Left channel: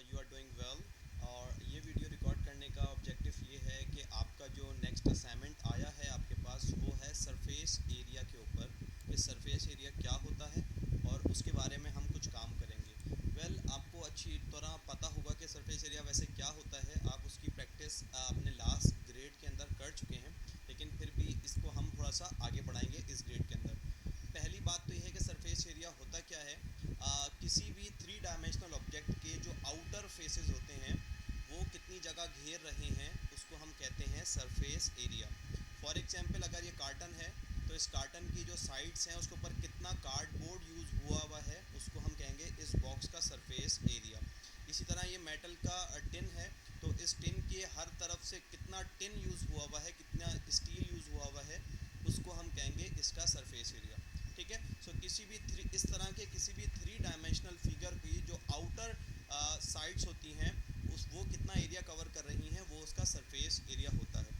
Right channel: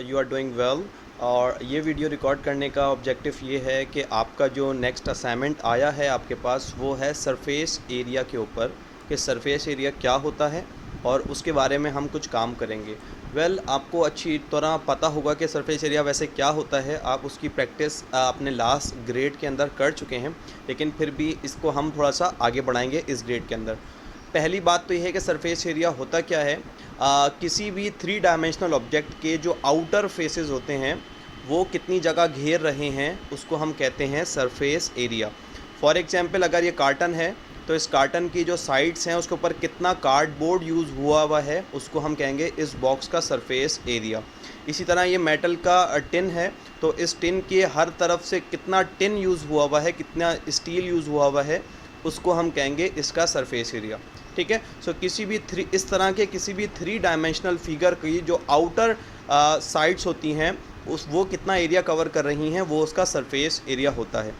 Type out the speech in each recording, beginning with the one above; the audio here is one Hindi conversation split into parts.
You are doing well. और ये वीडियो रिकॉर्ड करने का ऑब्जेक्टिव ये है कि आपका जो नेक्स्ट असाइनमेंट आया है आपके पास वो है सरफेस एरिया के ऊपर, कि सरफेस एरिया क्या होता है और उसके बारे में हम कुछ काम करेंगे। आपको अच्छी तरह पता होगा कि सरफेस एरिया वैसे क्या होता है, आप उसकी प्रैक्टिस अपने लास्ट ग्रेड के अंदर कर चुके हैं, लेकिन फिर भी इसको हम थोड़ा सा आगे बढ़ाएंगे इस ग्रेड के अंदर। पहली बात तो ये है कि सरफेस एरिया होता क्या है। किसी भी थ्री डायमेंशनल ऑब्जेक्ट के जो आउटर फेसेस होते हैं वो कितनी जगह घेर रहे हैं उसको हम कहते हैं सरफेस एरिया। फॉर एग्जांपल अगर ये कार्टन है तो इस कार्टन की जो साइड्स हैं उसके ऊपर कितना कार्डबोर्ड यूज़ हुआ है उसको हम कहेंगे इस बॉक्स का सरफेस एरिया। इसी तरह ये मेटल का टिन है तो इस टिन के हर तरफ से कितना टिन यूज़ हुआ है, कितना स्टील यूज़ हुआ है, उसको हम कहेंगे इसका सरफेस एरिया। ठीक है। सो किसी भी इस तरह के किसी भी थ्री डायमेंशनल फिगर की जो आउटर साइड्स होती हैं वो कितना एरिया कवर कर रही हैं वो उसका सरफेस एरिया होता है।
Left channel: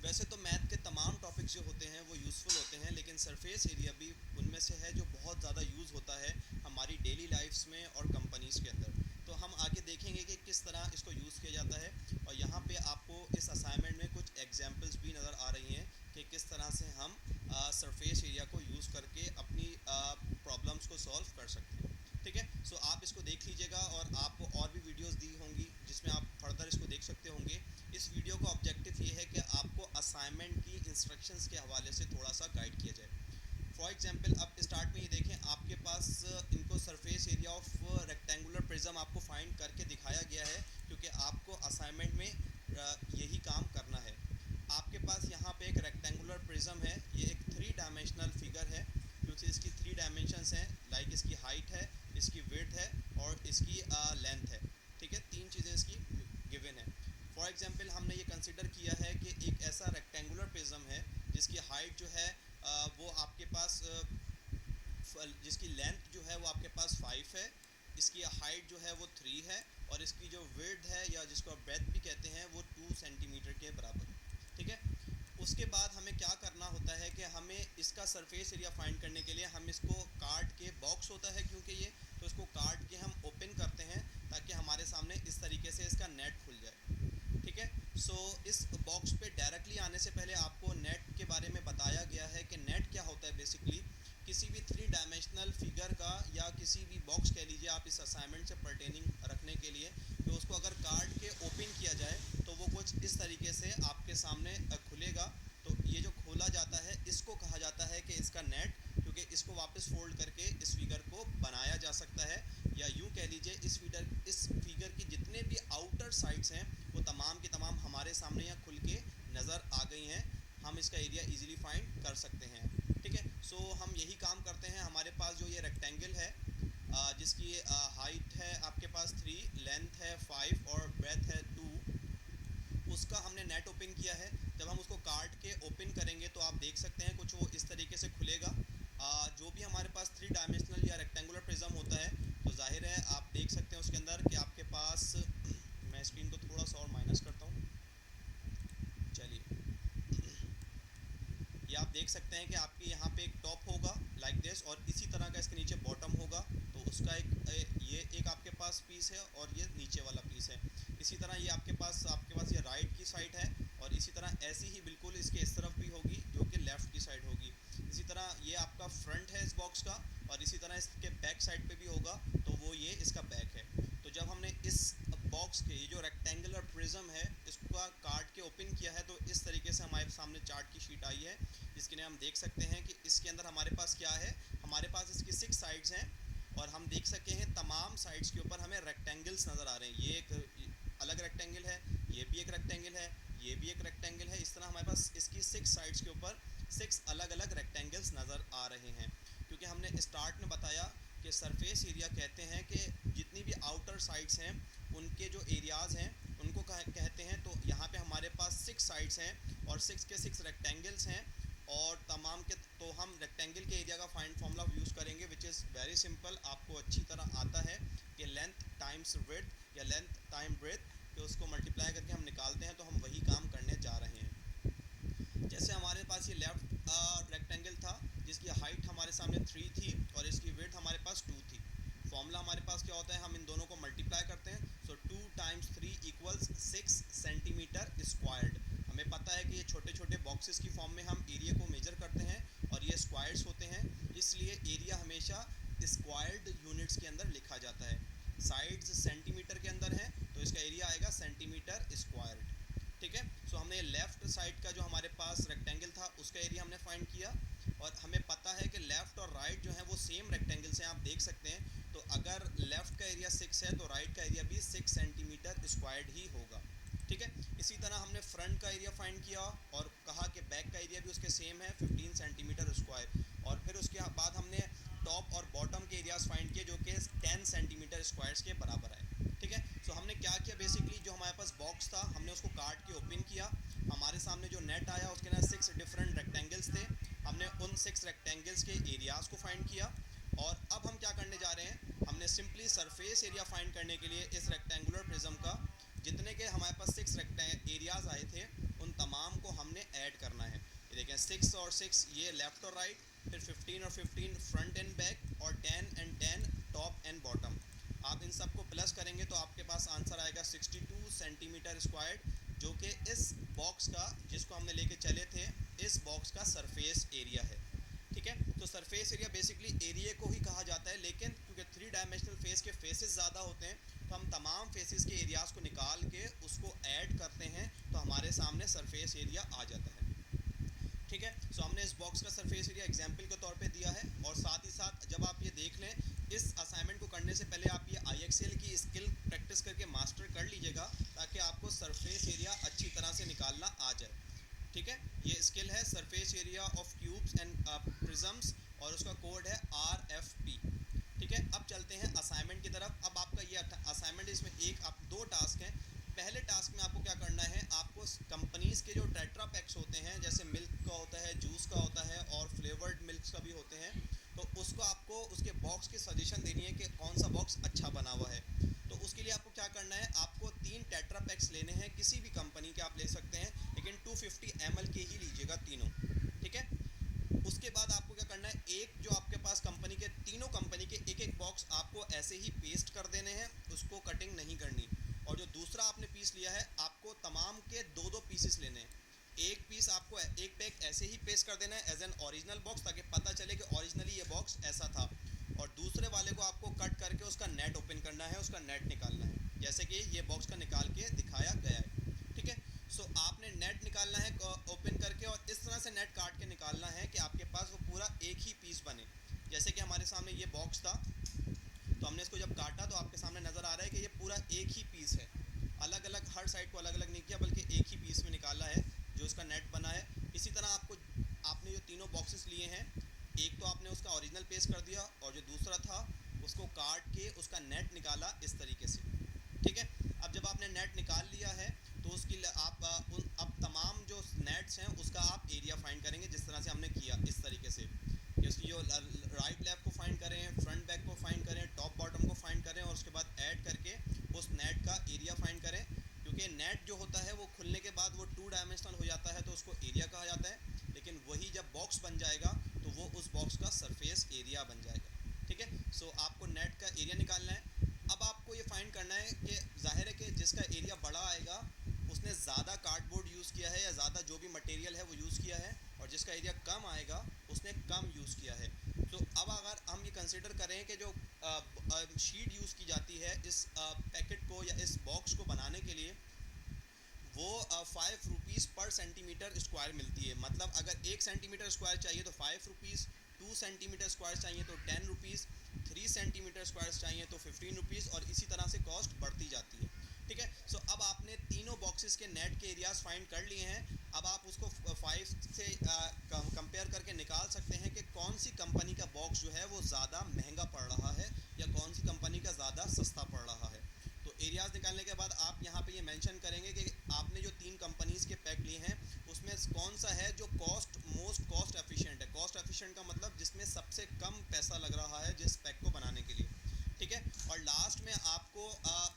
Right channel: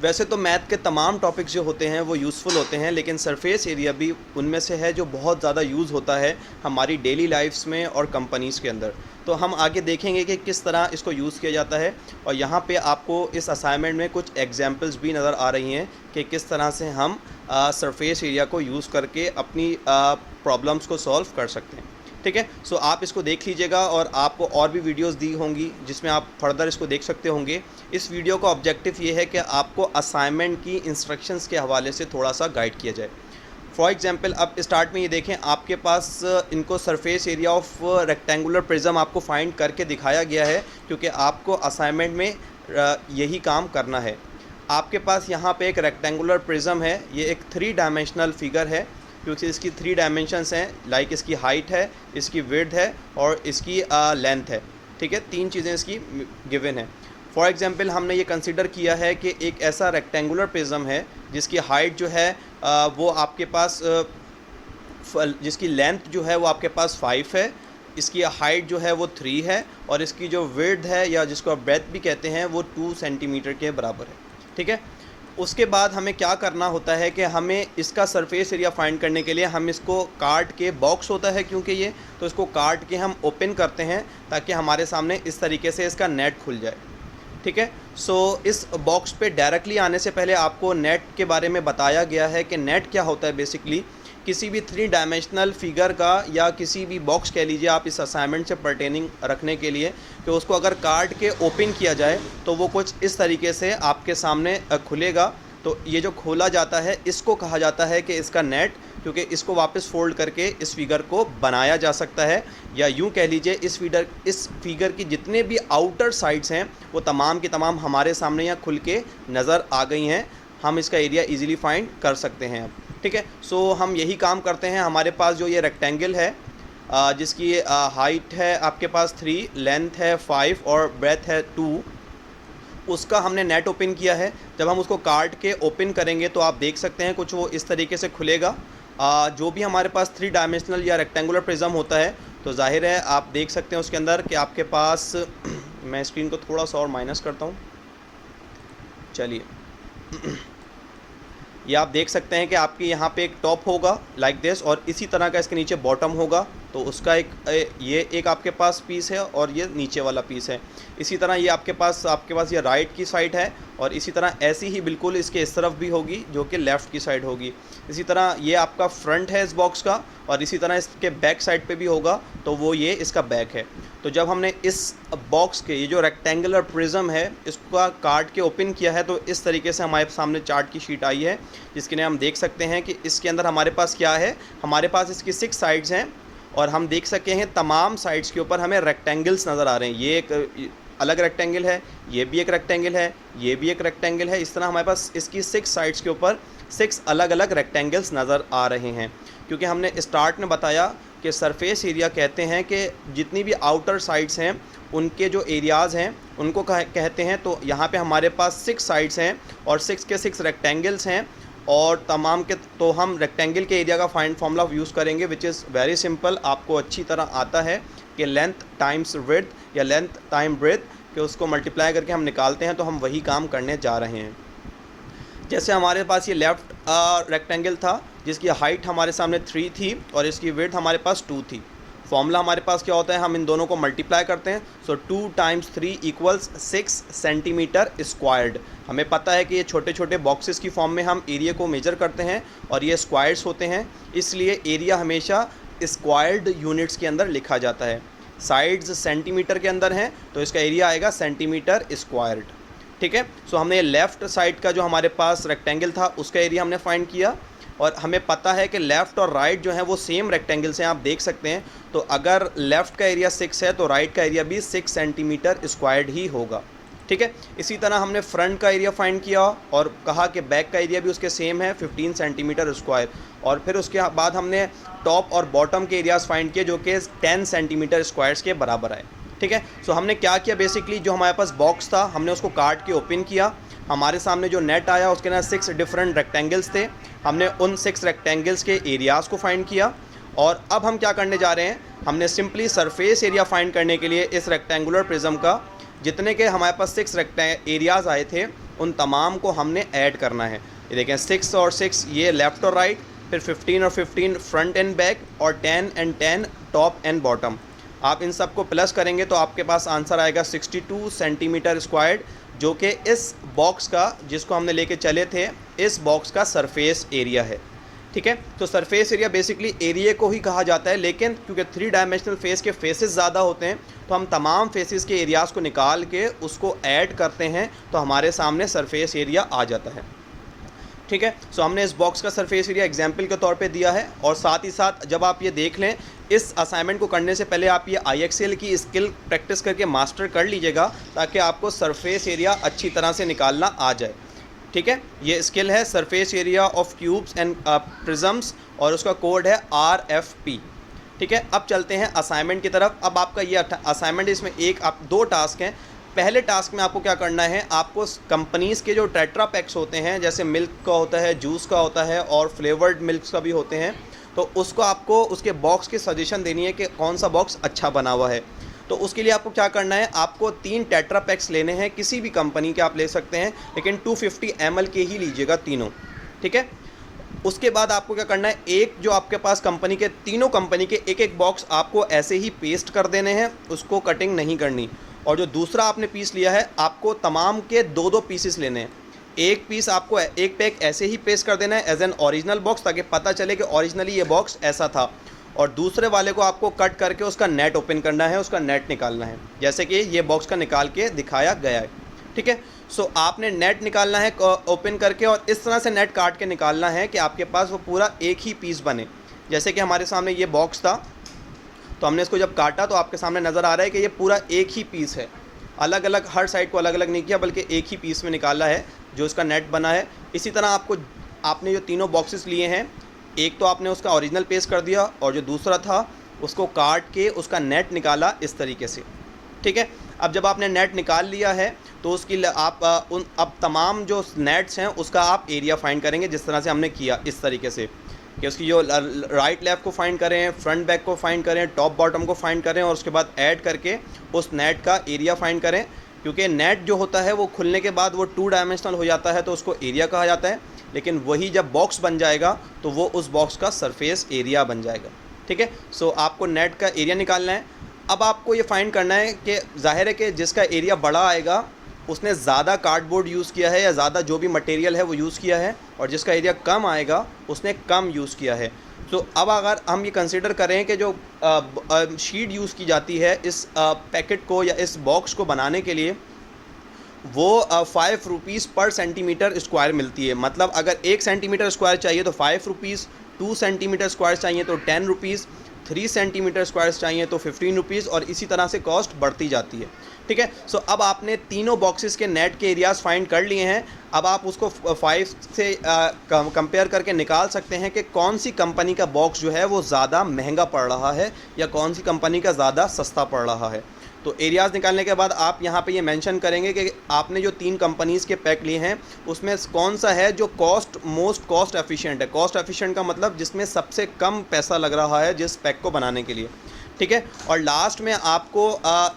वैसे तो मैथ के तमाम टॉपिक्स जो होते हैं वो यूज़फुल होते हैं, लेकिन सरफेस एरिया भी उनमें से है जो बहुत ज़्यादा यूज़ होता है हमारी डेली लाइफ्स में और कंपनीज़ के अंदर। तो हम आगे देखेंगे कि किस तरह इसको यूज़ किया जाता है, और यहाँ पे आपको इस असाइनमेंट में कुछ एग्जांपल्स भी नज़र आ रही हैं कि किस तरह से हम सरफेस एरिया को यूज़ करके अपनी प्रॉब्लम्स को सॉल्व कर सकते हैं। ठीक है। सो आप इसको देख लीजिएगा और आपको और भी वीडियोस दी होंगी जिसमें आप फर्दर इसको देख सकते होंगे। इस वीडियो का ऑब्जेक्टिव ये है कि आपको असाइनमेंट की इंस्ट्रक्शंस के हवाले से थोड़ा सा गाइड किया जाए। फॉर एग्जांपल अब स्टार्ट में ये देखें, आपके पास इनको surface area of rectangular prism आपको फाइंड करके दिखाया गया है क्योंकि आपको असाइनमेंट में यही काम करना है। आपके पास यहाँ पे एक रेक्टेंगुलर प्रिज्म है, ये एक थ्री डायमेंशनल फिगर है क्योंकि इसकी थ्री डायमेंशंस हैं, लाइक इसकी हाइट है, इसकी विड्थ है और इसकी लेंथ है। ठीक है, तीन चीज़ें इसकी गिवन है। फॉर एग्जांपल हमने ये कंसीडर किया है कि एक ऐसा रेक्टेंगुलर प्रिज्म है जिसकी हाइट जो है वो आपके पास जिसकी लेंथ जो है वो आपके पास 5 है, इसकी हाइट जो है वो 3 है और इसकी जो विड्थ है या जिसको आप ब्रेथ भी कहते हैं वो 2 सेंटीमीटर के बराबर है। ठीक है। उसके बाद हमें क्या करना होता है कि हमें इसका सरफेस एरिया फाइंड करने के लिए हम इसको काट के, बॉक्स होता है क्योंकि ये, तो इसको काट के हम ओपन करते हैं ताकि हमारे सामने इस तरीके से इसका नेट खुल जाए। ठीक है। सो इस बॉक्स पे डायरेक्टली आने से पहले आपको नेट के बारे में बताया गया है कि नेट क्या होता है। बेसिकली किसी भी थ्री डायमेंशनल फिगर का या किसी भी बॉक्स कह लीजिए आप इस असाइनमेंट से पर्टेनिंग रखने के लिए, कि उसको अगर काट के ओपन किया जाए तो वो कुछ इस तरीके से आपके सामने खुलेगा। तो ये जो खोला जाता है इसको कहा जाता है कि इसका नेट, क्योंकि इसको वापस फोल्ड करके इस फिगर को बनाया जा सकता है, या यूँ कह लीजिए इस फिगर की जितने भी आउटर साइड्स हैं वो तमाम की तमाम हमारे सामने यहाँ खुल के नज़र आ गई हैं। हम इसका एरिया इजीली फाइंड कर सकते हैं अब। ठीक है। सो हम यही काम करते हैं। हमारे पास जो ये रेक्टेंगल है जिसकी हाइट है आपके पास 3, लेंथ है 5 और ब्रेथ है 2, उसका हमने नेट ओपन किया है। जब हम उसको काट के ओपन करेंगे तो आप देख सकते हैं कुछ वो इस तरीके से खुलेगा। जो भी हमारे पास थ्री डायमेंशनल या रेक्टेंगुलर प्रिज्म होता है तो जाहिर है आप देख सकते हैं उसके अंदर कि आपके पास मैं स्क्रीन को थोड़ा सा और माइनस करता हूँ, चलिए ये आप देख सकते हैं कि आपके यहाँ पे एक टॉप होगा लाइक दिस और इसी तरह का इसके नीचे बॉटम होगा। तो उसका ये एक आपके पास पीस है और ये नीचे वाला पीस है। इसी तरह ये आपके पास ये राइट की साइड है और इसी तरह ऐसी ही बिल्कुल इसके इस तरफ भी होगी जो कि लेफ़्ट की साइड होगी। इसी तरह ये आपका फ्रंट है इस बॉक्स का और इसी तरह इसके बैक साइड पे भी होगा, तो वो ये इसका बैक है। तो जब हमने इस बॉक्स के ये जो रेक्टेंगुलर प्रिज्म है इसका काट के ओपन किया है तो इस तरीके से हमारे सामने चार्ट की शीट आई है, जिसके लिए हम देख सकते हैं कि इसके अंदर हमारे पास क्या है। हमारे पास इसकी 6 साइड्स हैं और हम देख सके हैं तमाम साइड्स के ऊपर हमें रेक्टेंगल्स नज़र आ रहे हैं। ये एक अलग रेक्टेंगल है, ये भी एक रेक्टेंगल है, ये भी एक रेक्टेंगल है। इस तरह हमारे पास इसकी 6 साइड्स के ऊपर 6 अलग अलग रेक्टेंगल्स नज़र आ रहे हैं। क्योंकि हमने स्टार्ट में बताया कि सरफेस एरिया कहते हैं कि जितनी भी आउटर साइड्स हैं उनके जो एरियाज़ हैं उनको कहते हैं। तो यहाँ पे हमारे पास 6 साइड्स हैं और 6 के 6 रेक्टेंगल्स हैं और तमाम के, तो हम रेक्टेंगल के एरिया का फाइंड फार्मूला यूज़ करेंगे विच इज़ वेरी सिंपल, आपको अच्छी तरह आता है कि लेंथ टाइम्स विड्थ या लेंथ टाइम ब्रेथ, कि उसको मल्टीप्लाई करके हम निकालते हैं। तो हम वही काम करने जा रहे हैं। जैसे हमारे पास ये लेफ़्ट रेक्टेंगल था जिसकी हाइट हमारे सामने 3 थी और इसकी विड्थ हमारे पास 2 थी। फॉर्मूला हमारे पास क्या होता है, हम इन दोनों को मल्टीप्लाई करते हैं। सो 2 × 3 = 6 सेंटीमीटर स्क्वायर्ड। हमें पता है कि ये छोटे छोटे बॉक्सेस की फॉर्म में हम एरिया को मेजर करते हैं और ये स्क्वायर्स होते हैं, इसलिए एरिया हमेशा स्क्वायर्ड यूनिट्स के अंदर लिखा जाता है। साइड्स सेंटीमीटर के अंदर हैं तो इसका एरिया आएगा सेंटीमीटर स्क्वायर्ड। ठीक है, सो हमने लेफ़्ट साइड का जो हमारे पास रेक्टेंगल था उसका एरिया हमने फाइंड किया, और हमें पता है कि लेफ़्ट और राइट जो है वो सेम रेक्टेंगल से आप देख सकते हैं। तो अगर लेफ़्ट का एरिया 6 है तो राइट का एरिया भी 6 सेंटीमीटर स्क्वायर्ड ही होगा। ठीक है, इसी तरह हमने फ्रंट का एरिया फाइंड किया और कहा कि बैक का एरिया भी उसके सेम है 15 सेंटीमीटर स्क्वायर, और फिर उसके बाद हमने टॉप और बॉटम के एरियाज़ फाइंड किए जो कि 10 सेंटीमीटर स्क्वायर्स के बराबर आए। ठीक है, सो हमने क्या किया, बेसिकली जो हमारे पास बॉक्स था हमने उसको काट के ओपन किया। हमारे सामने जो नेट आया उसके अंदर 6 डिफरेंट रेक्टेंगल्स थे। हमने उन 6 रेक्टेंगल्स के एरियाज़ को फाइंड किया, और अब हम क्या करने जा रहे हैं, हमने सिंपली सरफेस एरिया फाइंड करने के लिए इस रेक्टेंगुलर प्रिज्म का जितने के हमारे पास 6 एरियाज़ आए थे उन तमाम को हमने ऐड करना है। ये देखें 6 और 6 ये लेफ़्ट और राइट, फिर 15 और 15 फ्रंट एंड बैक, और 10 और 10 टॉप एंड बॉटम। आप इन सब को प्लस करेंगे तो आपके पास आंसर आएगा 62 सेंटीमीटर स्क्वायर्ड, जो कि इस बॉक्स का, जिसको हमने लेके चले थे, इस बॉक्स का सरफेस एरिया है। ठीक है, तो सरफेस एरिया बेसिकली एरिया को ही कहा जाता है, लेकिन क्योंकि 3 डायमेंशनल फेस के फेसेस ज़्यादा होते हैं तो हम तमाम फेसेस के एरियाज़ को निकाल के उसको ऐड करते हैं तो हमारे सामने सरफेस एरिया आ जाता है। ठीक है, सो हमने इस बॉक्स का सरफेस एरिया एग्जाम्पल के तौर पे दिया है, और साथ ही साथ जब आप ये देख लें, इस असाइनमेंट को करने से पहले आप ये IXL की स्किल प्रैक्टिस करके मास्टर कर लीजिएगा ताकि आपको सरफेस एरिया अच्छी तरह से निकालना आ जाए। ठीक है, ये स्किल है surface area of cubes and prisms, और उसका कोड है RFP। ठीक है, अब चलते हैं असाइनमेंट की तरफ। अब आपका ये असाइनमेंट, इसमें दो टास्क हैं। पहले टास्क में आपको क्या करना है, आपको कंपनीज़ के जो टेट्रा पैक्स होते हैं, जैसे मिल्क का होता है, जूस का होता है, और फ्लेवर्ड मिल्क का भी होते हैं, तो उसको आपको उसके बॉक्स की सजेशन देनी है कि कौन सा बॉक्स अच्छा बना हुआ है। तो उसके लिए आपको क्या करना है, आपको 3 टेट्रा पैक्स लेने हैं, किसी भी कंपनी के आप ले सकते हैं, लेकिन 250 ml के ही लीजिएगा तीनों। ठीक है, उसके बाद आपको क्या करना है, एक जो आपके पास कंपनी के, तीनों कंपनी के एक एक बॉक्स आपको ऐसे ही पेस्ट कर देने हैं, उसको कटिंग नहीं करनी। और जो दूसरा आपने पीस लिया है, आपको तमाम के 2-2 पीसेस लेने हैं। एक पीस आपको एक पैक ऐसे ही पेस्ट कर देना है एज एन ओरिजिनल बॉक्स, ताकि पता चले कि ओरिजिनली ये बॉक्स ऐसा था, और दूसरे वाले को आपको कट करके उसका नेट ओपन करना है, उसका नेट निकालना है, जैसे कि ये बॉक्स का निकाल के दिखाया गया है। ठीक है, सो आपने नेट निकालना है ओपन करके, और इस तरह से नेट काट के निकालना है कि आपके पास वो पूरा एक ही पीस बने। जैसे कि हमारे सामने ये बॉक्स था, तो हमने इसको जब काटा तो आपके सामने नज़र आ रहा है कि ये पूरा एक ही पीस है, अलग अलग हर साइड को अलग अलग नहीं किया, बल्कि एक ही पीस में निकाला है जो इसका नेट बना है। इसी तरह आपने जो तीनों बॉक्सेस लिए हैं, एक तो आपने उसका ओरिजिनल पेस्ट कर दिया, और जो दूसरा था उसको काट के उसका नेट निकाला इस तरीके से। ठीक है, अब जब आपने नेट निकाल लिया है तो उसकी अब तमाम जो नेट्स हैं उसका आप एरिया फाइंड करेंगे, जिस तरह से हमने किया, इस तरीके से कि उसकी जो राइट लेफ़्ट को फाइंड करें, फ्रंट बैक को फाइंड करें, टॉप बॉटम को फाइंड करें, और उसके बाद ऐड करके उस नेट का एरिया फाइंड करें। क्योंकि नेट जो होता है वो खुलने के बाद वो 2 डायमेंशनल हो जाता है, तो उसको एरिया कहा जाता है, लेकिन वही जब बॉक्स बन जाएगा तो वो उस बॉक्स का सरफेस एरिया बन जाएगा। ठीक है, सो आपको नेट का एरिया निकालना है। अब आपको ये फाइंड करना है कि जाहिर है कि जिसका एरिया बड़ा आएगा उसने ज़्यादा कार्डबोर्ड यूज़ किया है या ज़्यादा जो भी मटेरियल है वो यूज़ किया है, और जिसका एरिया कम आएगा उसने कम यूज़ किया है। तो अब अगर हम ये कंसिडर करें कि जो शीट यूज़ की जाती है इस पैकेट को या इस बॉक्स को बनाने के लिए, वो 5 रुपीज़ पर सेंटीमीटर स्क्वायर मिलती है। मतलब अगर 1 सेंटीमीटर स्क्वायर चाहिए तो 5 रुपीज़, 2 सेंटीमीटर स्क्वायर चाहिए तो 10 रुपीज़, 3 सेंटीमीटर स्क्वायर चाहिए तो 15 रुपीज़, और इसी तरह से कॉस्ट बढ़ती जाती है। ठीक है, सो अब आपने तीनों बॉक्सेस के नेट के एरियाज़ फाइंड कर लिए हैं। अब आप उसको 5 से कंपेयर करके निकाल सकते हैं कि कौन सी कंपनी का बॉक्स जो है वो ज़्यादा महंगा पड़ रहा है या कौन सी कंपनी का ज़्यादा सस्ता पड़ रहा है। तो एरियाज़ निकालने के बाद आप यहाँ पे ये मेंशन करेंगे कि आपने जो 3 कंपनीज़ के पैक लिए हैं उसमें कौन सा है जो मोस्ट कॉस्ट एफिशिएंट है। कॉस्ट एफिशिएंट का मतलब जिसमें सबसे कम पैसा लग रहा है जिस पैक को बनाने के लिए। ठीक है, और लास्ट में आपको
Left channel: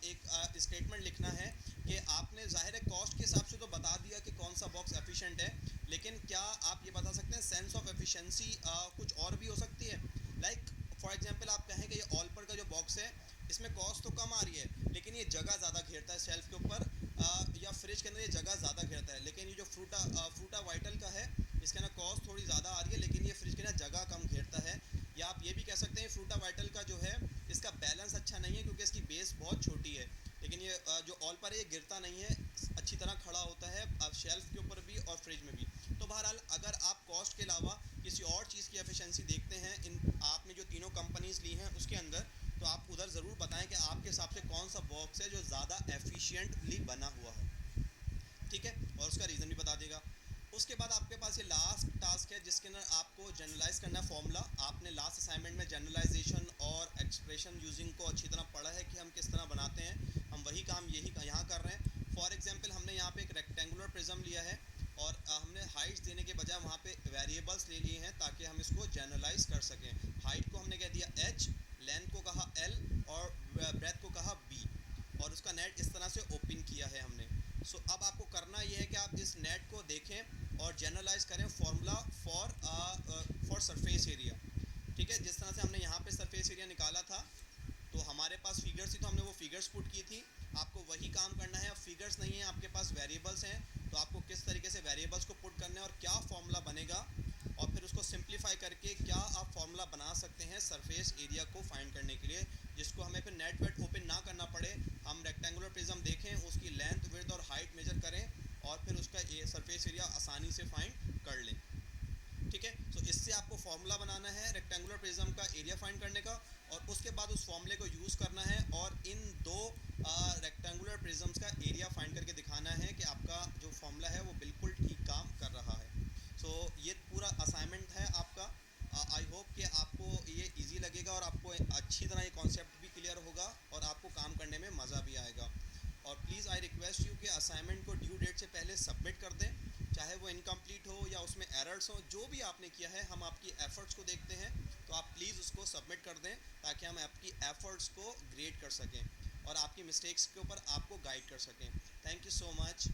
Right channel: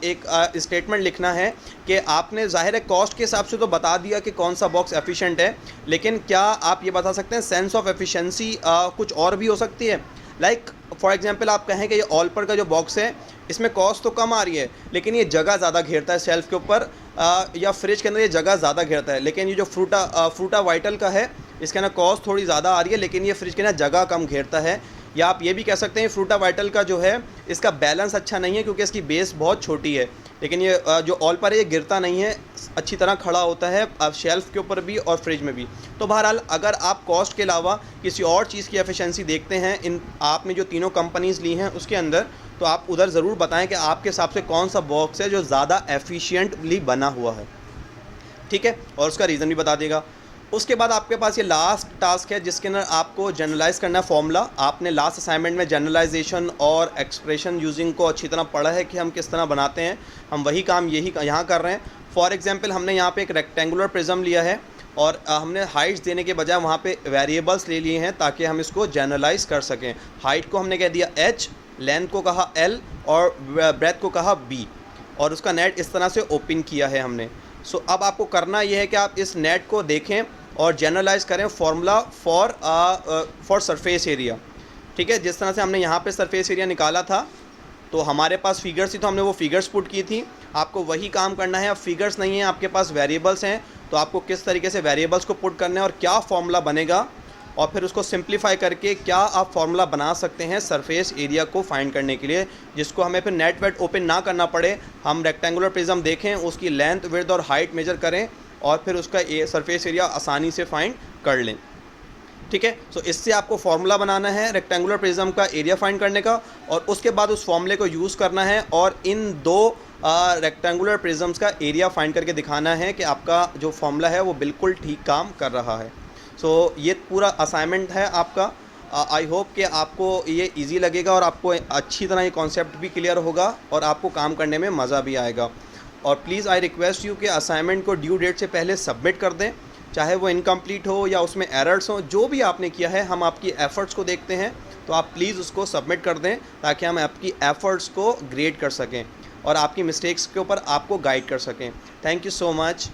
एक स्टेटमेंट लिखना है कि आपने ज़ाहिर है कॉस्ट के हिसाब से तो बता दिया कि कौन सा बॉक्स एफिशिएंट है, लेकिन क्या आप ये बता सकते हैं सेंस ऑफ एफिशिएंसी कुछ और भी हो सकती है। लाइक फॉर एग्जांपल आप कहें कि ये ऑलपर का जो बॉक्स है इसमें कॉस्ट तो कम आ रही है, लेकिन ये जगह ज़्यादा घेरता है शेल्फ़ के ऊपर, या फ्रिज के अंदर ये जगह ज़्यादा घेरता है। लेकिन ये जो फ्रूटा वाइटल का है, इसके अंदर कॉस्ट थोड़ी ज़्यादा आ रही है, लेकिन ये फ्रिज के अंदर जगह कम घेरता है। या आप ये भी कह सकते हैं फ्रूटा वाइटल का जो है इसका बैलेंस अच्छा नहीं है, क्योंकि इसकी बेस बहुत छोटी है। लेकिन ये जो ऑलपर है ये गिरता नहीं है, अच्छी तरह खड़ा होता है शेल्फ़ के ऊपर भी और फ्रिज में भी। तो बहरहाल अगर आप कॉस्ट के अलावा किसी और चीज़ की एफिशिएंसी देखते हैं इन आपने जो तीनों कंपनीज़ ली हैं उसके अंदर, तो आप उधर ज़रूर बताएं कि आपके हिसाब से कौन सा बॉक्स है जो ज़्यादा एफिशिएंटली बना हुआ है, ठीक है, और उसका रीज़न भी बता देगा। उसके बाद आपके पास ये लास्ट टास्क है जिसके अंदर आपको जनरलाइज़ करना है फॉर्मूला। आपने लास्ट असाइनमेंट में जनरलाइजेशन और एक्सप्रेशन यूजिंग को अच्छी तरह पढ़ा है कि हम किस तरह बनाते हैं, हम वही काम यही यहाँ कर रहे हैं। फॉर एग्जांपल हमने यहाँ पे एक रेक्टेंगुलर प्रिज्म लिया है और हमने हाइट्स देने के बजाय वहाँ पे वेरिएबल्स ले लिए हैं ताकि हम इसको जनरलाइज कर सकें। हाइट को हमने कह दिया h, लेंथ को कहा l और ब्रेथ को कहा b, और उसका नेट इस तरह से ओपन किया है हमने। सो अब आपको करना यह है कि आप इस नेट को देखें और जनरलाइज करें फार्मूला फॉर सरफेस एरिया, ठीक है। जिस तरह से हमने यहाँ पे सरफेस एरिया निकाला था तो हमारे पास फिगर्स थी, तो हमने वो फिगर्स पुट की थी। आपको वही काम करना है। अब फिगर्स नहीं है, आपके पास वेरिएबल्स हैं, तो आपको किस तरीके से वेरिएबल्स को पुट करना है और क्या फार्मूला बनेगा, और फिर उसको सिंप्लीफाई करके क्या आप फार्मूला बना सकते हैं सरफेस एरिया को फाइंड करने के लिए, जिसको हमें फिर नेट वेट ओपन ना करना पड़े। हम रेक्टेंगुलर प्रिज्म देखें, उसकी लेंथ, विड्थ और हाइट मेजर करें और फिर उसका सरफेस एरिया आसानी से फाइंड कर लें, ठीक है। सो इससे आपको फार्मूला बनाना है रेक्टेंगुलर प्रिज्म का एरिया फाइंड करने का, और उसके बाद उस फॉर्मूले को यूज़ करना है और इन दो रेक्टेंगुलर प्रिज्म्स का एरिया फाइंड करके दिखाना है कि आपका जो फार्मूला है वो बिल्कुल ठीक काम कर रहा है। सो ये पूरा असाइनमेंट है आपका। आई होप कि आपको ये इजी लगेगा और आपको अच्छी तरह ये कॉन्सेप्ट भी क्लियर होगा और आपको काम करने में मज़ा भी आएगा। और प्लीज़ आई रिक्वेस्ट यू कि असाइनमेंट को ड्यू डेट से पहले सबमिट कर दें, चाहे वो इनकम्प्लीट हो या उसमें एरर्स हो, जो भी आपने किया है हम आपकी एफ़र्ट्स को देखते हैं, तो आप प्लीज़ उसको सबमिट कर दें ताकि हम आपकी एफ़र्ट्स को ग्रेड कर सकें और आपकी मिस्टेक्स के ऊपर आपको गाइड कर सकें। Thank you so much.